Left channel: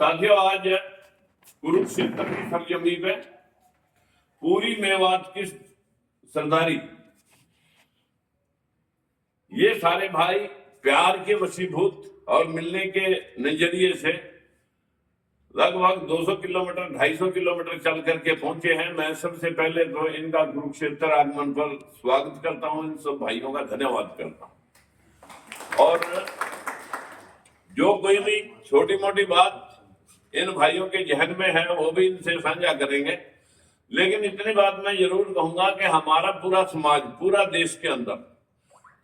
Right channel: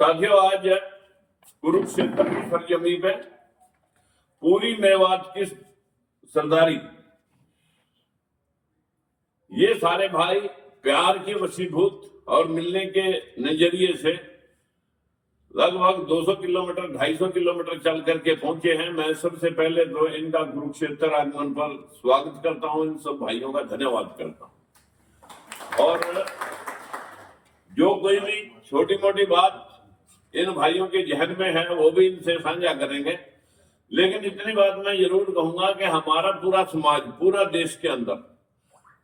साथियों, आज कुरुक्षेत्र की सरजमी पे पूरी मेवात की सरदारी, ये सारे भाई प्यार के वशीभूत और मिलने के नजरिए से लगभग 200 किलोमीटर 250 किलोमीटर चल करके पहुंचे हैं। मैं सबसे पहले तो इनका कुरुक्षेत्र आगमन पर स्वागत करता हूं, इन सब भाइयों का धन्यवाद करता हूं। और जो कोई भी छोटी मोटी बात इन भाइयों के जहन में है वो भी इनसे साझा करेंगे, लेकिन इतनी बात मैं जरूर कहूंगा कि हमारा पूरा समाज, पूरा देश के अंदर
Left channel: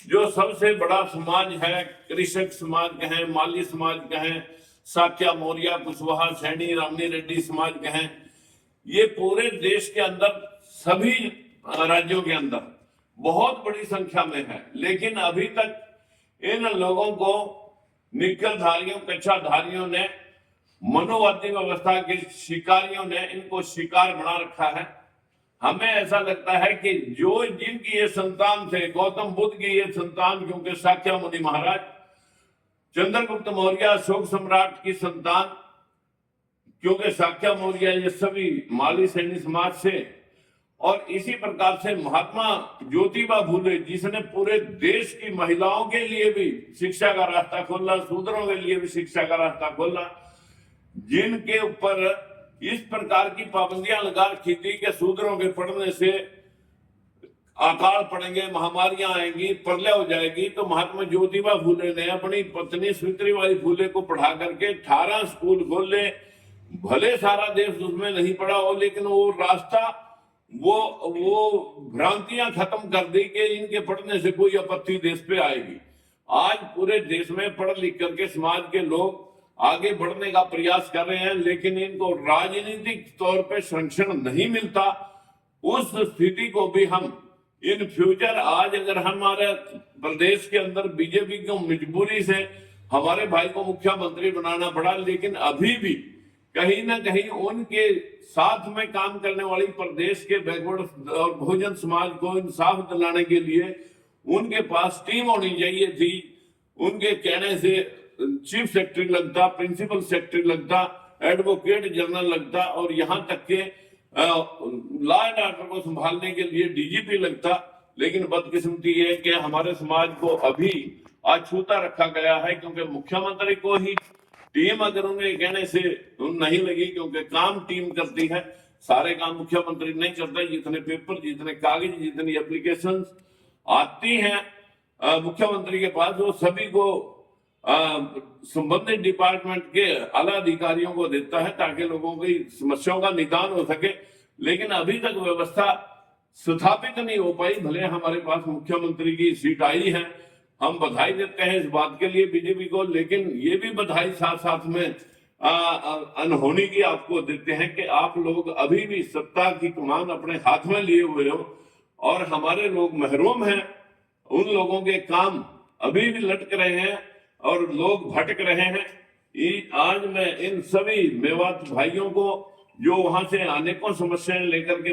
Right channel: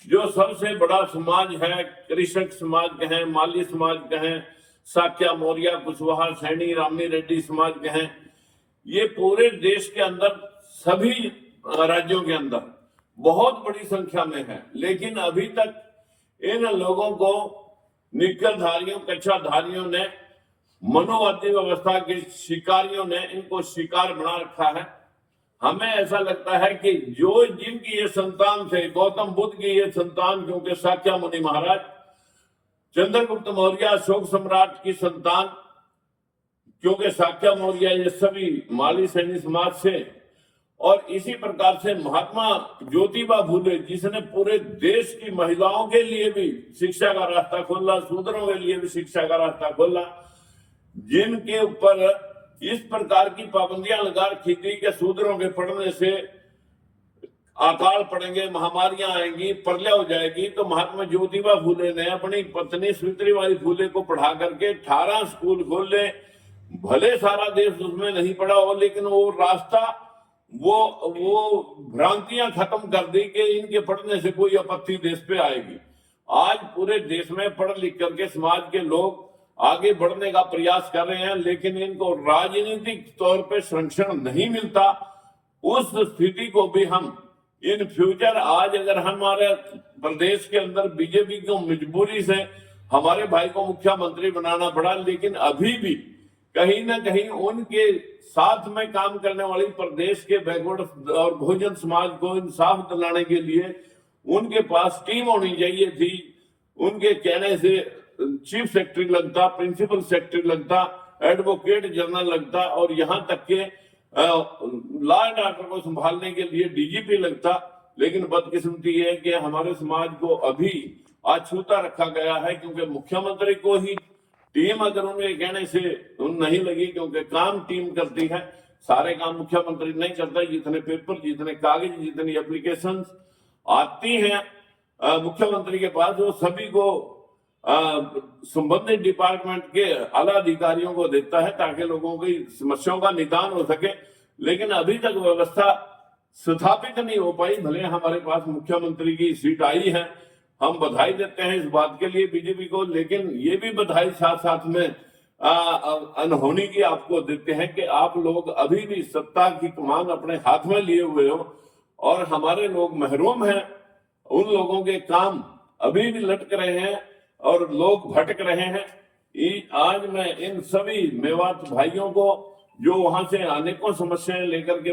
जो सबसे बड़ा समाज है, कृषक समाज कहें, माली समाज कहें, साक्या, मौर्य, कुशवाहा, सैनी, रामनी रेड्डी समाज कहें, ये पूरे देश के अंदर सभी राज्यों के अंदर बहुत बड़ी संख्या में है। लेकिन अभी तक इन लोगों को निकलधारियों, कच्चाधारियों ने, मनोवादी व्यवस्था के शिकारियों ने इनको शिकार बना रखा है। हमें ऐसा लगता है कि जो जिनकी ये संतान थे, गौतम बुद्ध की ये संतान, क्योंकि साक्या मुनि महाराज, चंद्रगुप्त मौर्य अशोक सम्राट की संतान, क्योंकि साक्या मौर्य ये सभी माली सैनी समाज से, और इसी प्रकार से महात्मा ज्योतिबा फुले जिसने पूरे देश की महिलाओं के लिए भी शिक्षा का रास्ता खोला, शूद्रों के लिए भी शिक्षा का रास्ता खोला, जिनके ऊपर इस प्रकार की पाबंदियां लगा रखी थी कि शूद्रों के पढ़ने से अकाल पड़ेंगे, महामारियां आएंगी, प्रलय हो जाएगी, तो महात्मा ज्योतिबा फुले ने अपनी पत्नी सावित्रीबाई फुले को पढ़ा करके 18 स्कूल खोले। भले सारा देश उसमें नहीं पढ़ा हो, लेकिन वो रास्ता, वो भ्रांतियां खत्म कर दी कि इनके पढ़ने से कोई आपत्ति देश पे आएगी। आज पूरे देश में पढ़ लिख करके समाज के लोग आगे बढ़ने का प्रयास कर रहे हैं, लेकिन इनको राजनीतिक तौर पे संरक्षण नहीं मिलता। उस स्थिति को भी हम इन फ्यूचर, आज अगर हमारे प्रदेश के अंदर बीजेपी की मजबूरी से हमारे भाई को मुख्यमंत्री बनाना पड़ा, लेकिन अभी भी कहीं ना कहीं उनके साथ में काम करने वाली प्रदेश के बैकवर्ड और बहुजन समाज को इंसाफ दिलाने के लिए उनके पास टीम होनी चाहिए थी। उनके कहने से चीफ सेक्रेटरी लगता, प्रिंसिपल सेक्रेटरी लगता, एडवोकेट जनरल लगता, और यहां तक के लॉ एंड ऑर्डर को संभालने के लिए डीजीपी लगता। लेकिन बदकिस्मती है कि हमारे समाज को अभी अछूता रखा गया है, क्योंकि मुख्यमंत्री को ही टीम अगर उनके कहने से नहीं लगी, क्योंकि काम टीम करती है, सारे काम मुख्यमंत्री नहीं करता। जितने पेपर, जितने कागज, जितनी एप्लीकेशन आती हैं मुख्यमंत्री के पास, वो सभी को संबंधित डिपार्टमेंट के आला अधिकारियों को देता है, ताकि लोगों की समस्याओं का निदान हो सके। लेकिन अभी तक व्यवस्था स्थापित नहीं हो पाई। भले हमारे पास मुख्यमंत्री की सीट आई है, हम बधाई देते हैं इस बात के लिए बीजेपी को, लेकिन ये भी बधाई साथ साथ में अनहोनी की आपको देते हैं कि आप लोग अभी भी सत्ता की कमान अपने हाथ में लिए हुए हो, और हमारे लोग महरूम हैं। उन लोगों के काम अभी भी लटक रहे हैं और लोग भटक रहे हैं। आज मैं इन सभी मेवात भाइयों को, जो वहां से अनेकों समस्याएं लेकर के